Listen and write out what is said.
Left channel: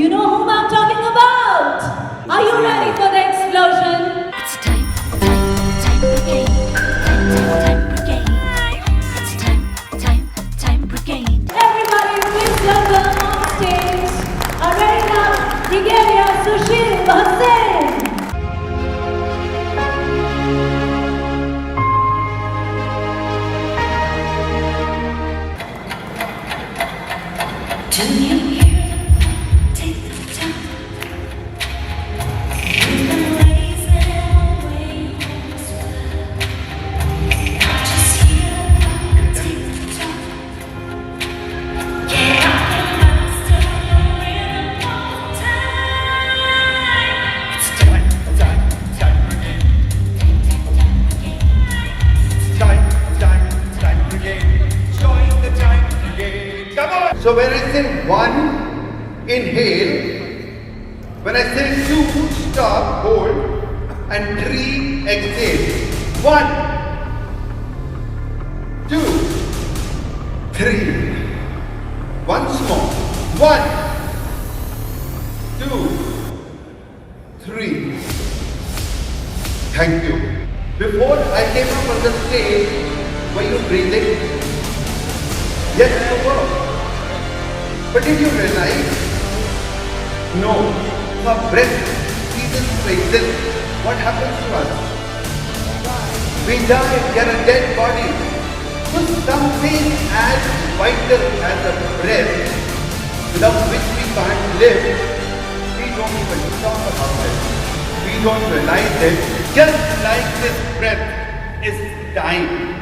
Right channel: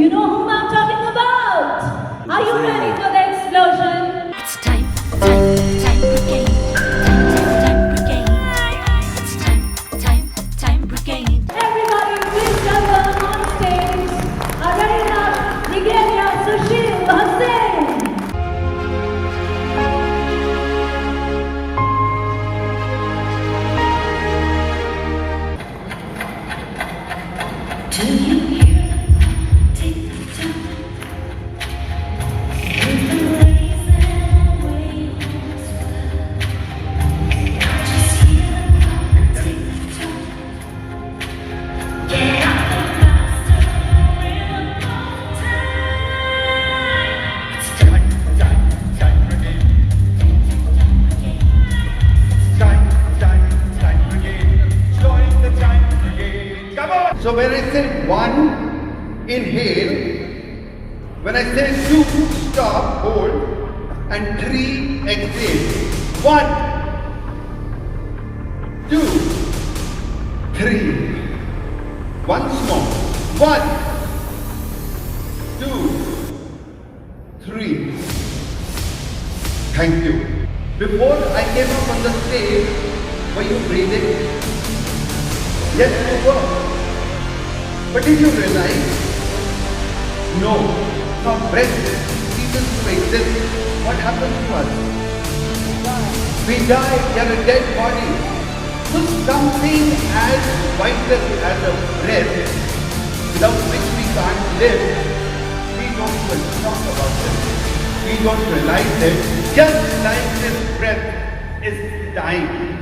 You know whom I'm talking about? Are you ready for the explosion? It's time brigade. Time brigade. It's time brigade. Everybody, please welcome on stage our very now Brig Sushil Bhasin. Do you hear? Take the time. Raise that wings. Just hear the clock. Take the time. Get up and step in on time. It's time Time brigade. Join the time brigade. Come on. So when I say one, inhale. When I say two, stop, hold. And three, exhale. 1, 2, 3. Once more. 1, 2, 3. Thank you. Before I came up on the stage, were you breathing? Yes, you were. But did you realize? No. Our breath even spaces. What happens to us? We die, we are a dead body. So something as vital as a breath, without which we can't live, we don't even talk about it. We don't realize it. Just like this breath is dying.